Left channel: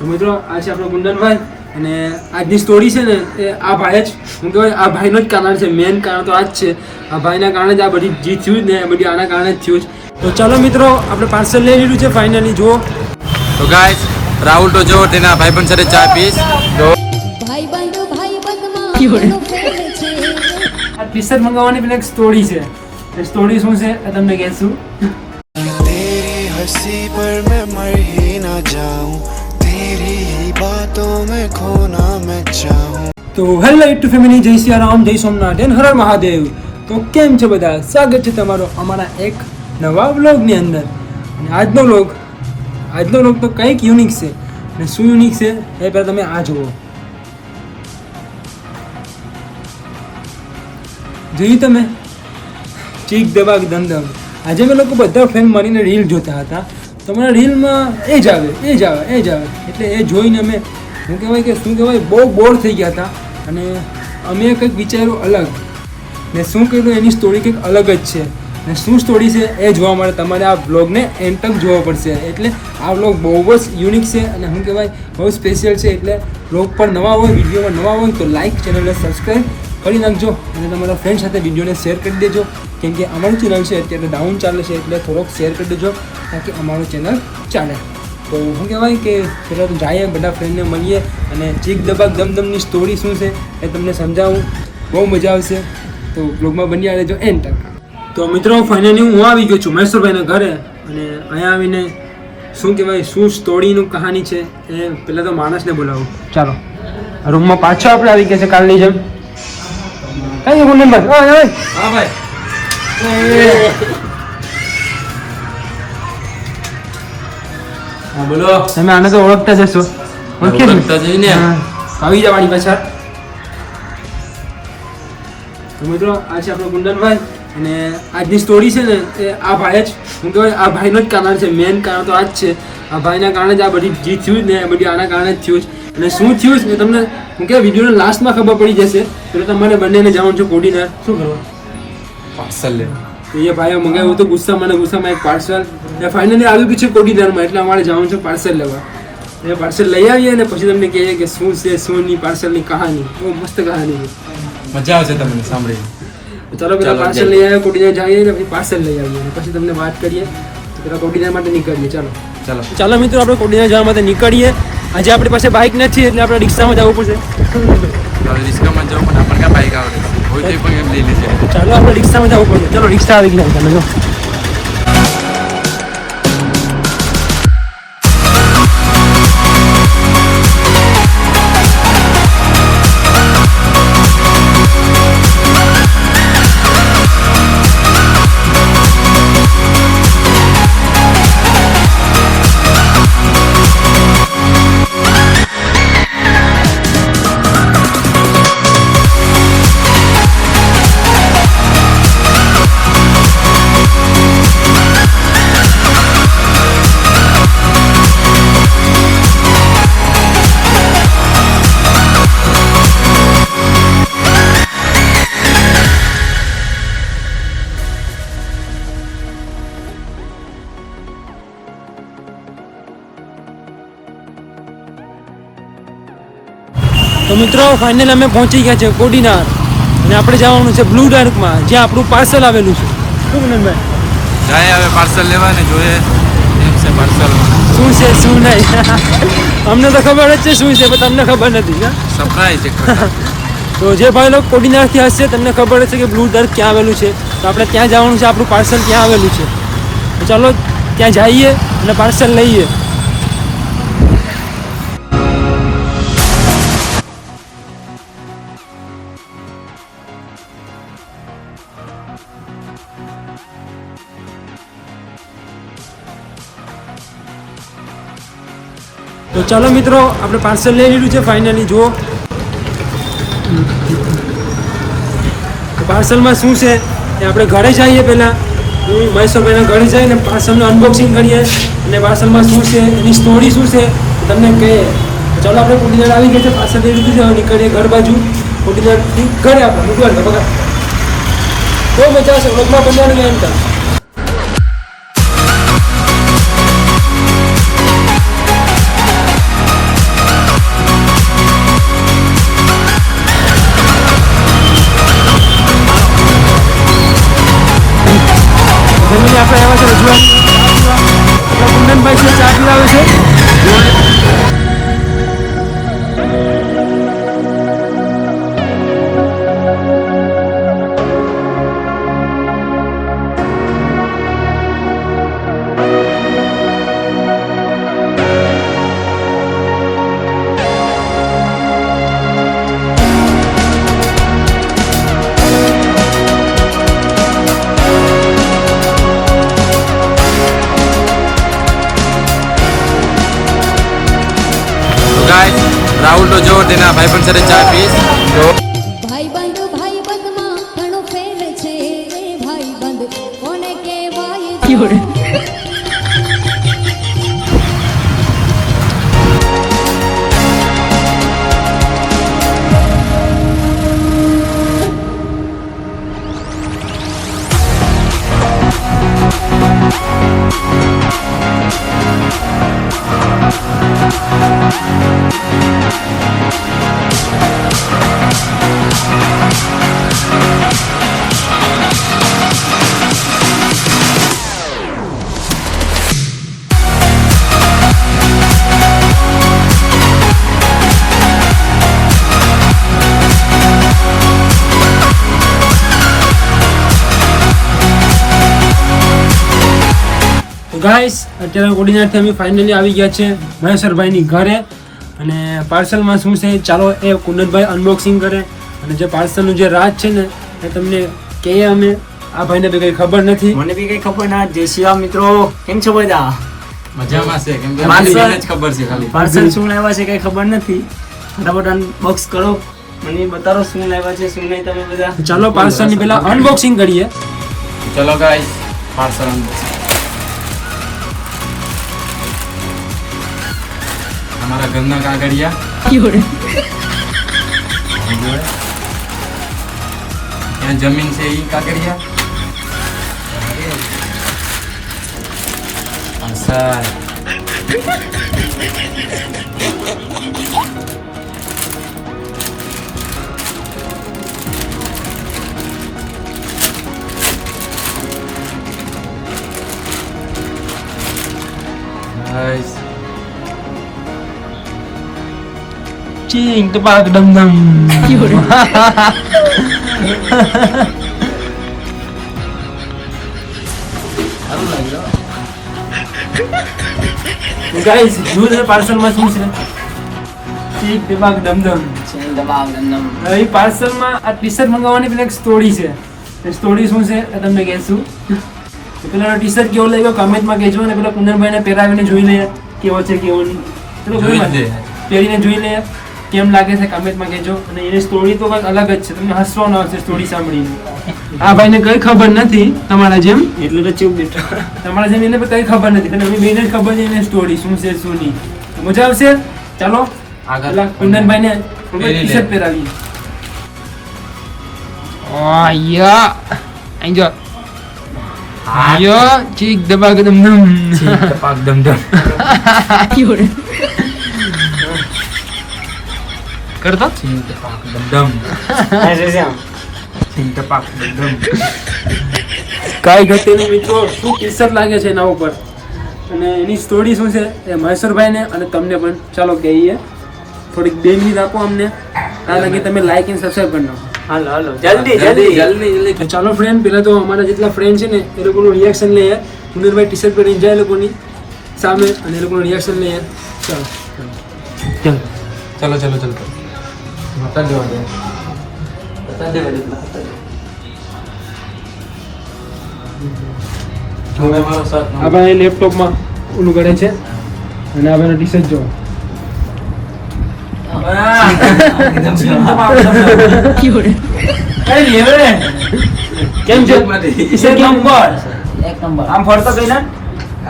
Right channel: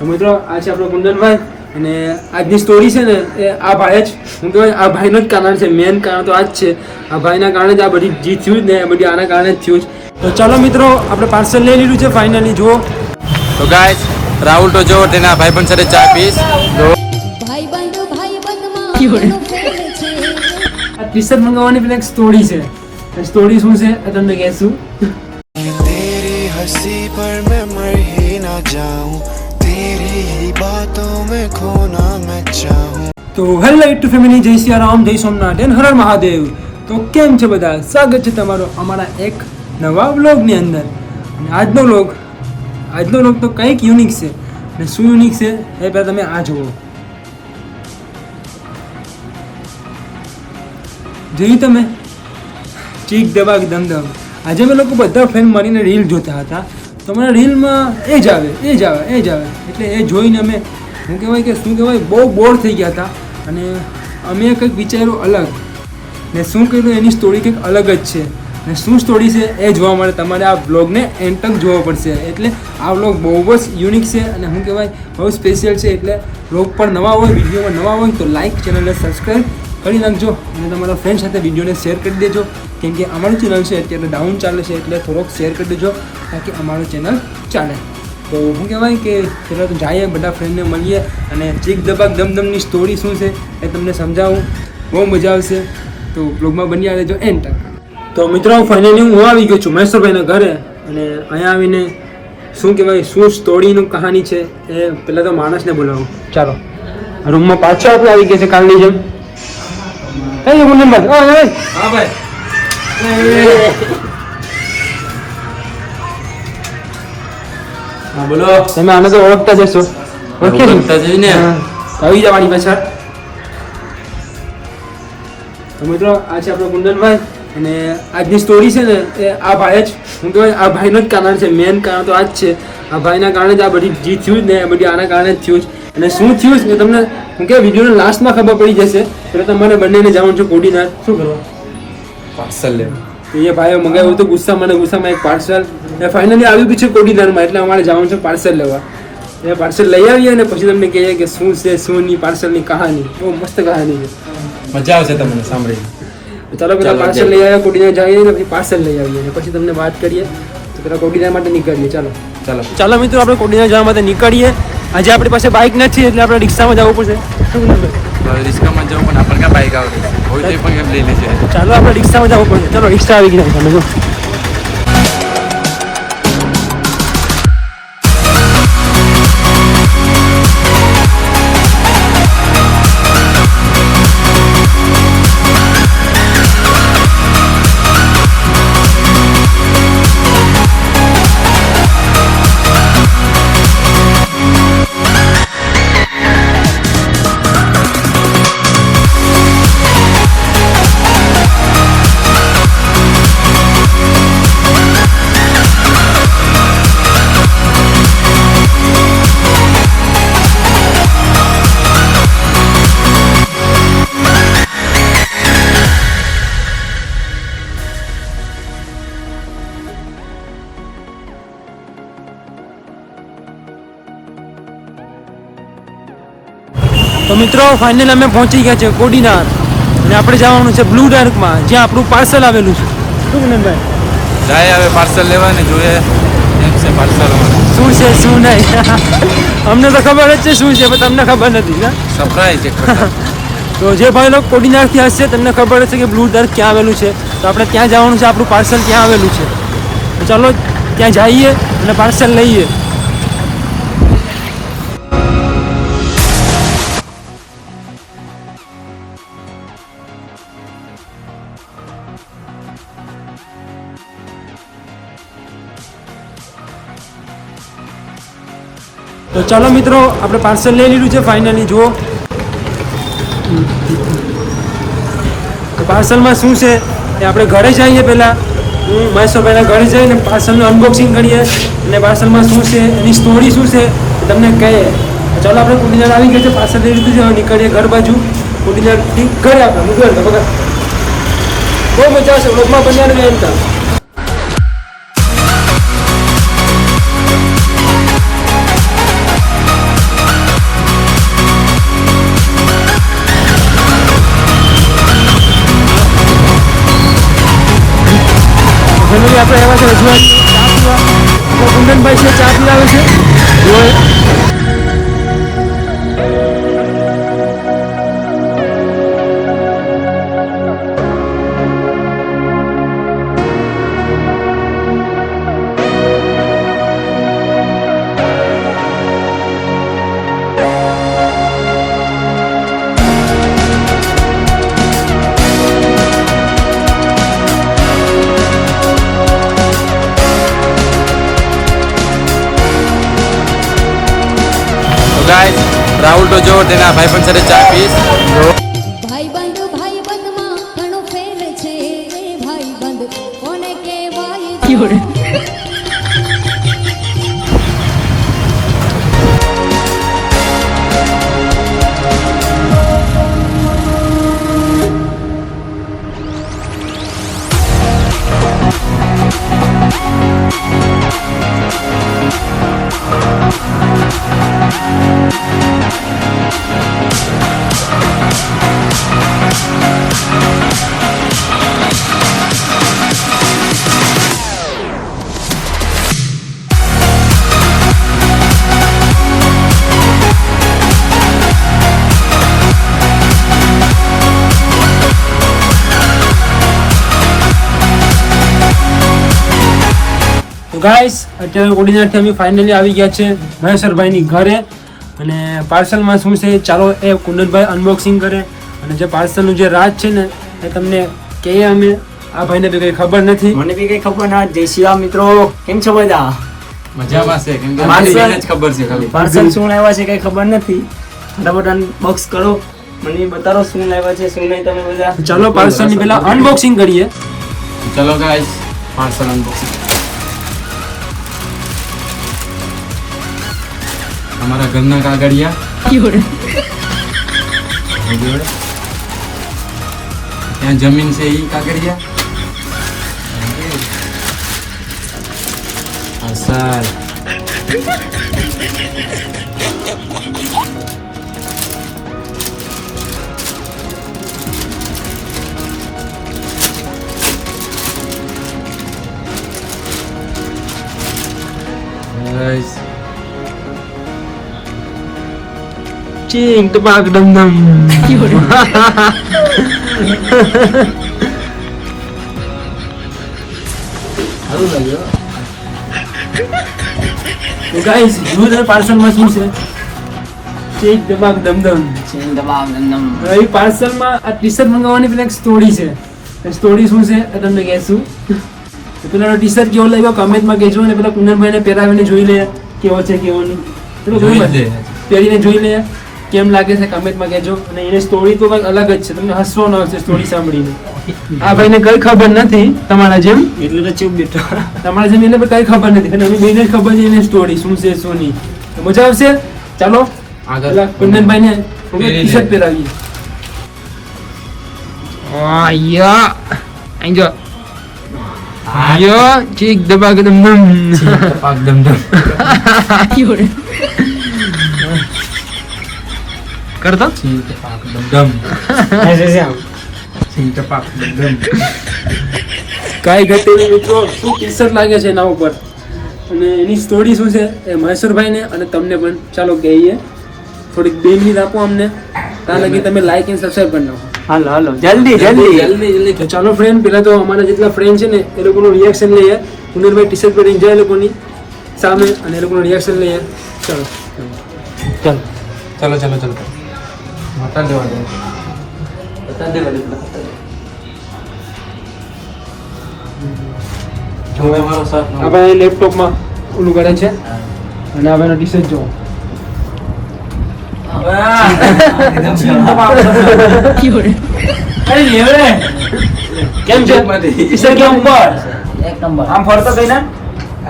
તો મિત્રો આ છે આપણો કુંદનભાઈ અને આજની સ્ટોરી છે ને એ આ ભાઈ જ હું કહેવાય આ ભાઈનો જ કારણ છે. મેન કારણ તો આ જ છે. આ ભાઈના કારણે જ આ બધી જે થયું ને એ બધી આના કારણે જ થયું. તો ચાલો મિત્રો આપણે પાર્સલ લઈ લીધું છે ફાઇનલી. જુઓ તો ગાઈસ રાહુલ તો જો તેના ભાઈબંધ સાથે ચા પીશ. તો આ ટી શર્ટ મંગાવવાની પેલી એક સ્ટોરી છે. એ સ્ટોરી શું છે એ તમને કહેશું. तेरी हंसी पर मैं मर ही ना जाऊं, तेरी ही बातों में खोना मैं चाहूं. તો હેલો યુટ્યુબ ફેમિલી, જય સિયારામ, જય સોમનાથ, હર હર મહાદેવ. તો કેમ છે બધા? સ્વાગત છે તમારો અમારા એક નવા વ્લોગની અંદર. અને આજનો વ્લોગ તો કંઈક યુનિક છે. અને શું યુનિક છે એ પહેલાં તમે આ જુઓ. જોઈ તમે? ચીક દબાક ધમધમ. આજે અમે લોકો બધા ફ્રેન્ડ મળીને રીલ જોતા હતા. તો મને રીલમાં એ જ આવે એટલે એ જોઈને અમે શું કહેવાય બહુ બોર થઈ ગયા હતા. અને અમે કંઈક વિચાર્યું અલગ ને શું કીધું એની સ્ટોરી કંઈક અલગ જ છે. અને શું સ્ટોરી છે એ જોવા માટે તમારે આ બ્લોગને એન્ડ તક જોવો પડશે. એટલે આ બ્લોગ બહુ જ યુનિક છે અને શું કહેવાય બહુ સ્પેશિયલ છે. એટલે બ્લોગ પર નવા હોય, વિડીયોમાં નવા હોય તો લાઇક, ચેનલને સબસ્ક્રાઈબ કરી નાખજો અને તમારા ફ્રેન્ડ સાથે વિડીયોને શેર કરી દેજો. કેમ કે અમારું ચેનલ છે અત્યારે ડાઉન ચાલે છે એટલે થોડોક શેર કરી દેજો તાકી અમારું ચેનલ ચાલે. તો શું કહેવાય કે પહેલાં તો જઈએ બધા ફ્રેન્ડને મળીએ અને ચીક દબાક દમદમની સ્ટોરી શું છે એ તમને સમજાવું. બહુ મજા આવશે. તો બ્લોગમાં બની રહેજો એન્ડ તક. તો મિત્રો ફાઇનલી હું આવી ગયો છું મહેશ્વરભાઈના ઘરે. અને અહીંયા આવીને શું કહેવાય શું સ્ટોરીનું કહાની છે એ પહેલાં તો માણસને બોલાવું. ચાલો રૂમમાં પાછળ આપણે આવી ગયા છે કાલની જેમ. ચાલો ગુંદનભાઈ. હા ભાઈ. બોલો. તમે આને તો ઓળખતા જશો. ઓળખતા જ ને. આવી જવાની પાછળ. તો મિત્રો આ છે આપણો કુંદનભાઈ અને આજની સ્ટોરી છે ને એ આ ભાઈ જ હું કહેવાય આ ભાઈનો જ કારણ છે. મેન કારણ તો આ જ છે. આ ભાઈના કારણે જ આ બધી જે થયું ને એ બધી આના કારણે જ થયું. અને શું થયું એ તમને હું કહેવાય વિડીયોના લાસ્ટમાં ખબર પડી જશે. એટલે તમારે બંનેને જવાનું છે કોડીનાર. શું કરવા? પાર્સલ લે. એ ભાઈઓ મંગાવ્યું હતું ગુસ્સામાં એક પાર્સલ ફાઇનલી આવ્યું બી છે કોડીનારમાં. એટલે અમારે જવાનું છે પાર્સલ લેવા. એ પાર્સલ લઈ આવીએ અને પછી તમને કહીએ કે શું છે શું નહીં પાર્સલની કહાની. બહુ મસ્ત કહાની છે. મજા આવશે તમને સાંભળીને. ચાલો પેલા પાર્સલ લઈ આવ્યા કોડીનાર જઈએ ને પછી પાર્સલ લઈ આવીએ અને પછી તમને વાત કરીએ. તો પેલા કોડીનાર માટે નીકળીએ. ચાલો મિત્રો આપણે કોડીનાર જવા માટે નીકળીએ. આજે આપણી પાસે બાઇક નથી એટલે આપણે રિક્ષામાં જવું પડશે. રિસ્કામાં જવું પણ આપણે ક્યાં બાઈક આવે હોય તો પણ એમ લઈ લેશે. ચાલો આપણે રિક્ષામાં જવું પડશે. ચાલો રિક્ષા આવી ગઈ. તો મિત્રો ફાઇનલ અમે પહોંચી ગયા છે કોડીનાર અને આપણે જવાનું છે બ્લુ ડાર્કમાં જ્યાં આપણું પાર્સલ આવેલું છે. શું કુંદનભાઈ? જાય હવે પાર્સલ લેવા ને જોઈએ એમ છે પાર્સલ શું છે શું નહીં. અમને તો ખબર જ છે શું છે પણ તમને ખબર નથી. સરપ્રાઈઝ છે. તો જે ભાઈ લોકો કોડીનારથી હશે તમને ખબર હશે કે બ્લુ ડાર્ક ક્યાં આવેલું છે. તો આપણે ત્યાં જવાનું છે. આપણું પાર્સલ ત્યાં આવેલું છે. તો ચાલો ત્યાં જઈએ અને પાર્સલ લઈએ. તો ચાલો મિત્રો આપણે પાર્સલ લઈ લીધું છે ફાઇનલી. જુઓ તો પાર્સલમાં શું છે એ આપણે ઘરે જઈએ પહેલાં. મહેશ્વરભાઈના ઘરે જઈને પાર્સલનું અનબોક્સિંગ કરીએ અને પાર્સલમાં શું છે એની સ્ટોરી શું છે તમને કહીએ. ચાલો આપણે કોડીનાર આવી ગયા છે. પાર્સલ લઈ લીધું છે. નીકળીએ ઘર બાજુ. કોડીનારથી ઘરે આપણે મૂકવાનું બગા બહુ મજા આવશે. બ્લોગમાં બનવાનું એમ થાય. ફેમિલી આપણે આવ્યા છે રજવાડી ચા પીવા. આપણા કુંદનભાઈ છે ચા પીવાવે છે. જોએ રાહુલ તો જો તેના ભાઈબંધ સાથે ચા પીશ. ભાઈબંધ ભાઈબંધમાં ઘણો ફેર છે રે ભાઈબંધ કોને કહેવાય ગાઈસ અત્યારે કોડીનારથી અમે ફાઇનલી આવી ગયા છે મહેશ્વરભાઈની ઘરે. અને પાર્સલમાં શું છે ચાલો એ કુંદનભાઈ અનબોક્સિંગ કરે. અને જે પાર્સલનું જે રાજ છે ને એ તમને કહીએ અમે. આ ભાઈને બી કંઈ ખબર નથી. મને બી કઈ ખબર ના. જય શ્રી રામ મિત્રો, કેમ છો બધા? મજામાં છે કેમ કે પાર્સલ- મને જ ખબર છે ખાલી. પાર્સલ શું લાવ્યા છે કઈ ખબર નથી. ફટાફટ અનબોક્સ કરો, મને બતાવો શું લાવ્યા છે શું નહીં તમે બધા. ચાલો પાર્સલની પહેલા અનબોક્સિંગ કરીએ. ચલો ગાઈસ પાર્સલ અનબોક્સિંગ. અમારા ઘરના કાગળિયા. ત્યાં જમીન છે એ કાગળિયા. પાર્સલ. Guys. ચીંગ ટપાક ડમ ડમ. ગાઈસ જોરદાર પાર્સલમાં શું છે? ચીંગ ટપાક ડમ ડમ. એ પાર્સલમાં આ ટી શર્ટ મંગાવવાની પેલા એક સ્ટોરી છે. એ સ્ટોરી શું છે એ તમને કહેશું. પેલા ટી શર્ટ કેવો લાગ્યો કમેન્ટમાં કહેજો. અને પેલા કુંદનભાઈને પહેરાવીને જોઈ લઈએ કેવો છે કેવો નહીં. પેલો જોઈ બરોબર? લે. પહેરીને જોઈ લઈએ કેમ લાગે છે કમેન્ટમાં કહેજો. અને એની સ્ટોરી તો કંઈક અલગ જ છે. તમને હસવાનો આવશે સ્ટોરી સાંભળીને. આ ભાઈને કઈ ખબર નથી તમારા જેમ. એટલે તો ચૂપ બેઠો. તમારા જેમ એને કઈ ખબર નથી. અને અમે બેને જ ખબર છે એની સ્ટોરી શું છે શું નહીં. તો મજા આવશે. ચાલો આગળ. પેલા કુંદનભાઈને પહેરી લે. ટી શર્ટ પહેરાવીએ. આયા આંજો આયો ઠીક દબા કે દમ ટપાક ડમડમ. કરતો ટપાક ડમડમ. ટપાક ડમડમ. કાંઈ ઘટે નહીં મિત્રો. શું ટી શર્ટ લાગે છે એના ઉપર. અને એની સ્ટોરી શું છે એ મહેશ્વરભાઈને અને તમને પણ ચાલો કહીએ. થોડીક 2 મિનિટ આપો અમને. ત્યાં લગી તમે લાઈક અને સબસ્ક્રાઈબ કરી નાખો. હાલો હાલો જલ્દી જલ્દી જલ્દી. તો ચાલો ફ્રેન્ડ, પેલા તો અમારા જેટલા ફ્રેન્ડ છે ને એ લોકોનું રિએક્શન લઈએ. કુંદનભાઈ ટી શર્ટ પહેરીને જાય એ લોકોની સામે અને એ લોકોનું રિએક્શન લઈએ. ચાલો ચાલો ચલો ચલો ચલો. માતા દેવા દે. આ ભાઈ લેપટોપમાં ઓલું કરે છે. અને આ ભાઈનો ટી શર્ટ જો. કેમ છે ટી શર્ટ કેમ ઉપર એક નંબર. આમ ફરતો થઈ ને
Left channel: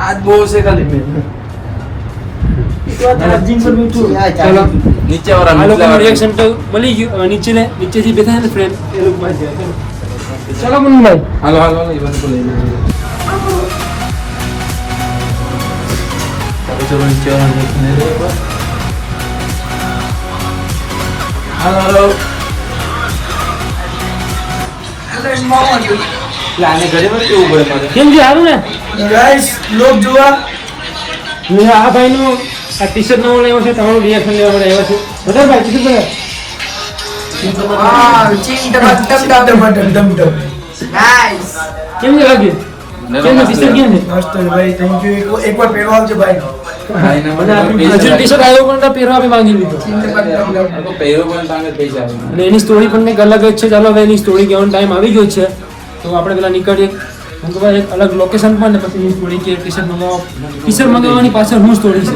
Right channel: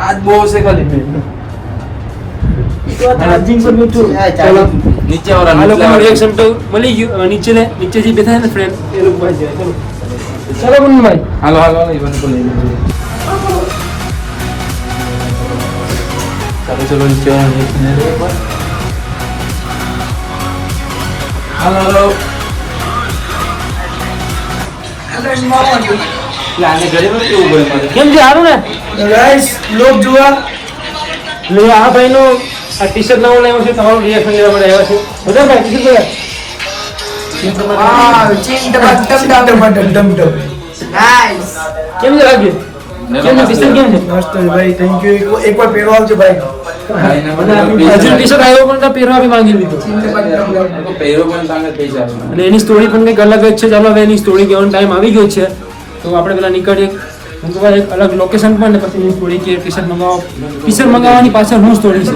આજ બહુ છે ખાલી. ચાલો નીચે વાળા આ લોકોનું રિએક્શન તો મળી ગયું. હવે નીચેથી બેઠા ને ફ્રેન્ડ એ લોકો પાસે ચલો ચાલો કુંદનભાઈ. હાલો હાલો હાલો. એ બધું બોલો. ચલો ચલો નીચે વાળા. હાલો હાલો. એટલે આને ઘરે મને કેવું બોલે મને. કેમ છે સારું ને ગાઈસ લોક જુઓ લે આ ભાઈનો આ ટી શર્ટ નવો લાવ્યો છે તમારું રિએક્શન લેવા માટે આવ્યો છે બધા ભાઈ ટી શર્ટ નાઈસ કેમ છે લાગે કેમ છે ટી શર્ટ કેમ છે નાસ્તો ભાઈ થેન્ક યુ એકવાર પહેરવા આવજો ભાઈ હજુ ટી શર્ટ આવ્યો પણ તો પહેરવા બી માંગી લીધો પહેરો પણ તમે પૈસા આપો. અને એની સ્ટોરી પણ કંઈક અલગ જ છે ચાલો હવે એની સ્ટોરી કહેવાનો ટાઈમ આવી ગયો છે તો આપણે પેલા નીકળીએ હું કહું એક અલગ લોકેશન પણ ને પછી એની સ્ટોરી કે ટી શર્ટ મંગાવવાની પાછળ શું સ્ટોરી છે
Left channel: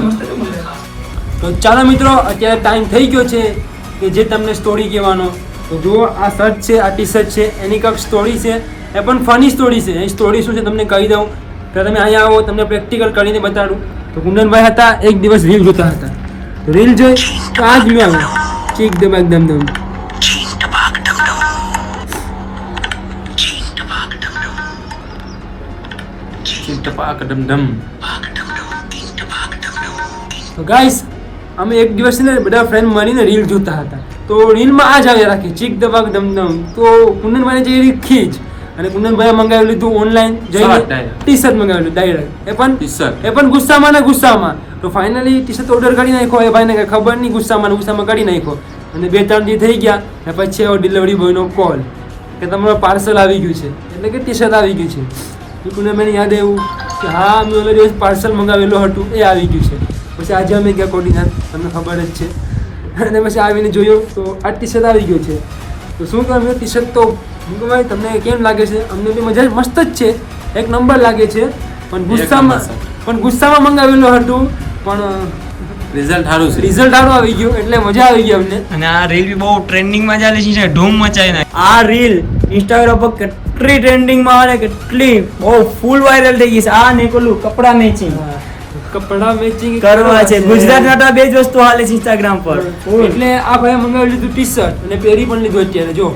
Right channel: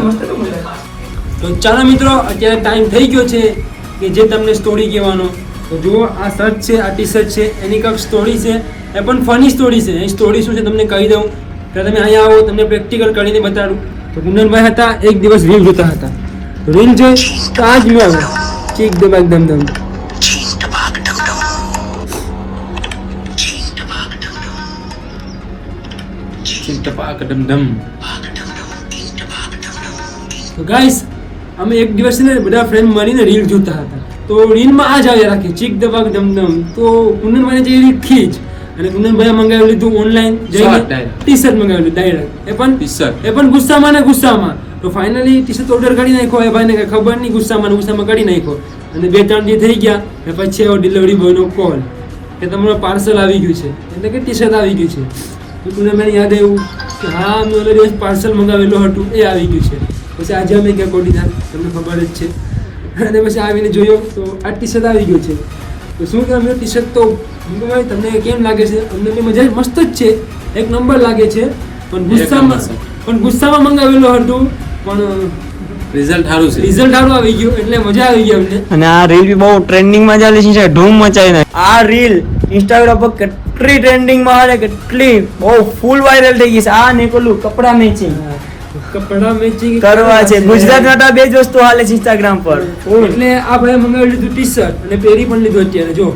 તો ચાલો મિત્રો અત્યારે ટાઈમ થઈ ગયો છે કે જે તમને સ્ટોરી કહેવાનો તો જુઓ આ શર્ટ છે આ ટી શર્ટ છે એની કંઈક સ્ટોરી છે એ પણ ફની સ્ટોરી છે એ સ્ટોરી શું છે તમને કહી દઉં કે તમે અહીંયા આવો તમને પ્રેક્ટિકલ કરીને બતાડું તો કુંદનભાઈ હતા એક દિવસ રીલ જોતા હતા તો રીલ જોઈ તો આ જ મેં ચીક દબાક દમ દમ ટપાક ડમડમ. તો ગાઈસ અમે એક દિવસ છે ને બધા ફ્રેન્ડ મળીને રીલ જોતા હતા તો રીલમાં આ જ આવ્યા રાખી ચીક દબાક દમદમ તો કુંદનભાઈને જે એવી ખીજ અને કુંદનભાઈએ મંગાવી લીધું online Shirt direct. T shirt મંગાવેલું ડાયરેક્ટ T-shirt. એ પણ ગુસ્સામાં ને ગુસ્સામાં તો ફાઇનલી ટી શર્ટ ઓર્ડર કરી નાખ્યો એ ભાઈને કંઈ ખબર નહીં ગુસ્સામાં ને ગુસ્સામાં કરી નાખ્યો અને 2-3 દી થઈ ગયા ને પછી એવો ડિલિવરી બોયનો કોલ કે તમારું પાર્સલ આવી ગયું છે એટલે કે ટી શર્ટ આવી ગયું છે તો કુંદનભાઈને યાદ આવ્યું કે હા મેં ઓલે દિવસ પાર્સલ મંગાવેલું હતું એ આવી ગયું છે પછી આજે અમે ક્યાં કોડી તમને ખબર જ છે અને પછી આવીને જોયો તો આ ટી શર્ટ આવી ગયું છે તો શું કર્યું ટી શર્ટ તો હું કહું ભાઈ તમને કેમ લાગે છે અમને તો મજા મસ્ત જ છે એક નંબર લાગે છે પણ ગુસ્સામાં મંગાવેલું હતું પણ રિઝલ્ટ સારું છે. રિઝલ્ટ સારું આવી ગયું એટલે મજા આવી ગઈ અમને અને આ રીલ બી બહુ ટ્રેન્ડિંગ માં ચાલે છે ધૂમ મચાવી નાખી આ રીલ ઇન્સ્ટાગ્રામ પર કેટલી ટ્રેન્ડિંગ માં આવે કેટલી બહુ ફૂલ વાયરલ થઈ ગઈ છે આ નીકળું કપડા મેચિંગ કપડા મેચિંગ કરવા છે ગુજરાતમાં તો બે જ વસ્તુ હાલે છે ઇન્સ્ટાગ્રામ પર એટલે આ ભાઈએ મંગાવી લીધું ટી શર્ટ અને પહેરી પણ લીધું અત્યારે જો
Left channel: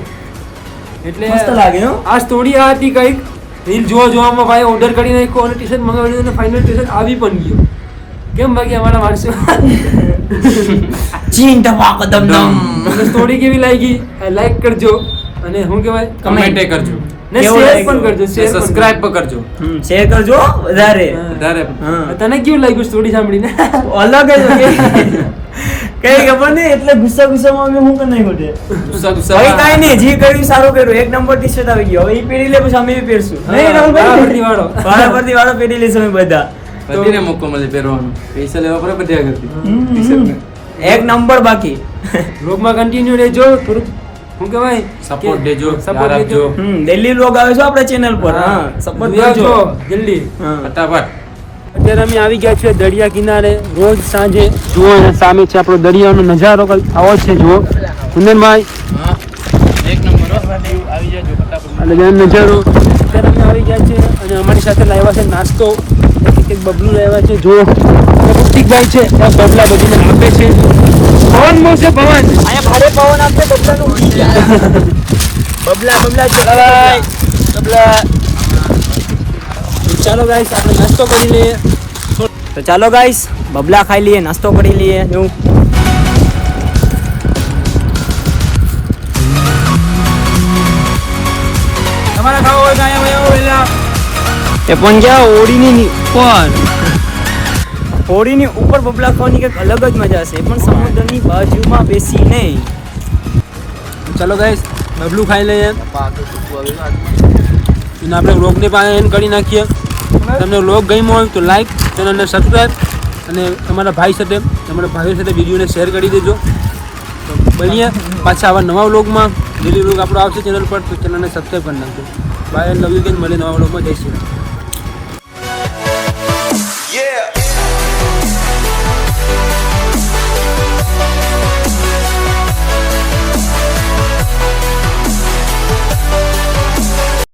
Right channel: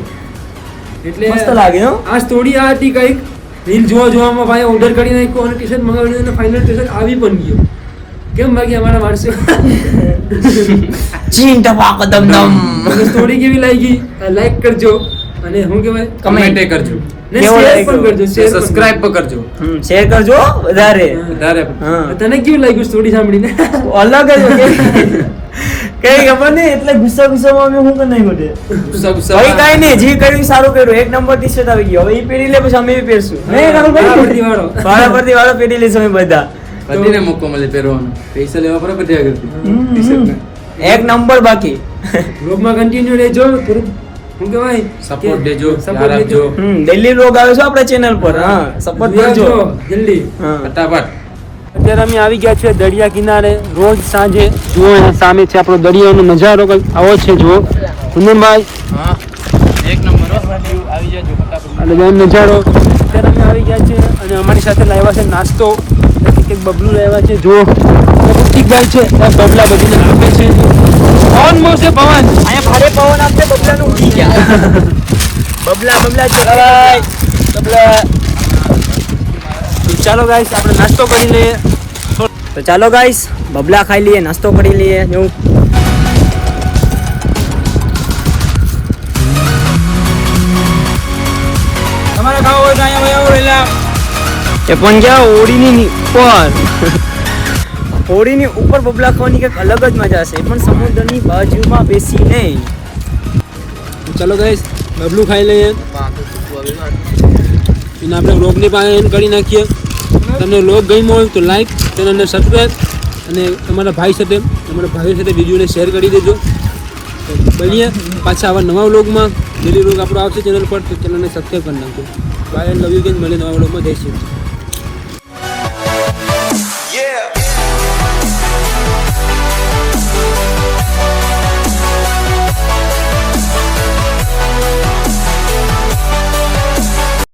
એટલે મસ્ત લાગે હો આ સ્ટોરી આ હતી કંઈક રીલ જોવામાં ભાઈ ઓર્ડર કરી નાખ્યો અને ટી શર્ટ મંગાવી લીધું અને ફાઇનલ ટી શર્ટ આવી પણ ગયો કેમ બાકી અમારા માણસો ચીન ટપાક દમદમ સ્ટોરી કેવી લાગી લાઈક કરજો અને હું કહેવાય કમેન્ટ કરજો. ને કેવો શેર લાગ્યો? પણ કરજો શેર સબસ્ક્રાઇબ પણ કરજો. શેર કરજો વધારે વધારે હા તને કેવું લાગ્યું સ્ટોરી સાંભળીને અલગ જ હોય. કઈ ખબર નહીં એટલે ગુસ્સામાં અમે શું કરી નાખ્યું છે ગુસ્સા ભાઈ કાંઈ નહીં જે કર્યું સારું કર્યું એક નંબર ટી શર્ટ આવી ગયો હવે એ પહેરી લે પછી અમે બી પહેરશું નહીં રાહુલભાઈ વાળો વાળા વાળો પહેરી લઈશું અમે બધા બધીને મોકો મળે પહેરવાનો. પૈસા લેવા પડે બધે આગળથી. એક નંબર બાકી બ્લોગમાં કન્ટિન્યુ રહેજો થોડું હું કહેવાય Support દેજો, સપોર્ટ યાર આપજો. દેજો દિલ્હી લોગ આવે છે આપણે ચેનલ પર હા સપોર્ટ કરજો જલ્દી હા ફટાફટ. અત્યારે અમે આવી ગયા છીએ દરિયા કિનારે રોજ સાંજે જુઓ અહીંયા સામે છે આપણો દરિયાનો નજારો કંઈક આવો જ છે જુઓ કુંદનભાઈ એક નંબર આવી જજો ફટાફટ. અને બેન નજારો અત્યારે અમે આવી ગયા છીએ અને અમારી સાથે લાવ્યા છે નાસ્તો કંઈક બબલું લાવ્યા છે જુઓ ઋતિકભાઈ છે આ બબલા બધીને આપે છે પવન બહુ છે પવન બબલા ચલાવાય બબલા ચાલો ગાઈસ આપણે નાસ્તો કરી લઈએ તો ચાલો ગાઈસ બબલા ખાઈ લઈએ નાસ્તો કરી લઈએ એવું તમારે ખાવો હોય તો અહીંયા વહેલા એ પણ જ્યાં હોળીની ઉપર હોળીની ઉપર બબલા ખાવાની કંઈક અલગ જ મજા છે એ પણ સમુદ્રની બાજુમાં બેસી નહીં ચાલો ગાઈસ બબલું ખાઈ લઈએ અને આપણે વ્લોગની પાસે એન્ડ કરી નાખીએ તમને વ્લોગ ગમ્યો હોય તો લાઈક ચેનલને સબસ્ક્રાઈબ અને તમારા ભાઈ સાથે તમારા ભાઈઓ સાથે વિડીયોને શેર કરી દેજો તો મળીએ પાછા આવા નવા વ્લોગમાં ડેલી વ્લોગ આપણો આવશે ચેનલ પર તો ચેનલને સબસ્ક્રાઈબ કરી નાખજો બાય લવ યુ ગેન મળીએ નવા વ્લોગમાં જઈશું Yeah.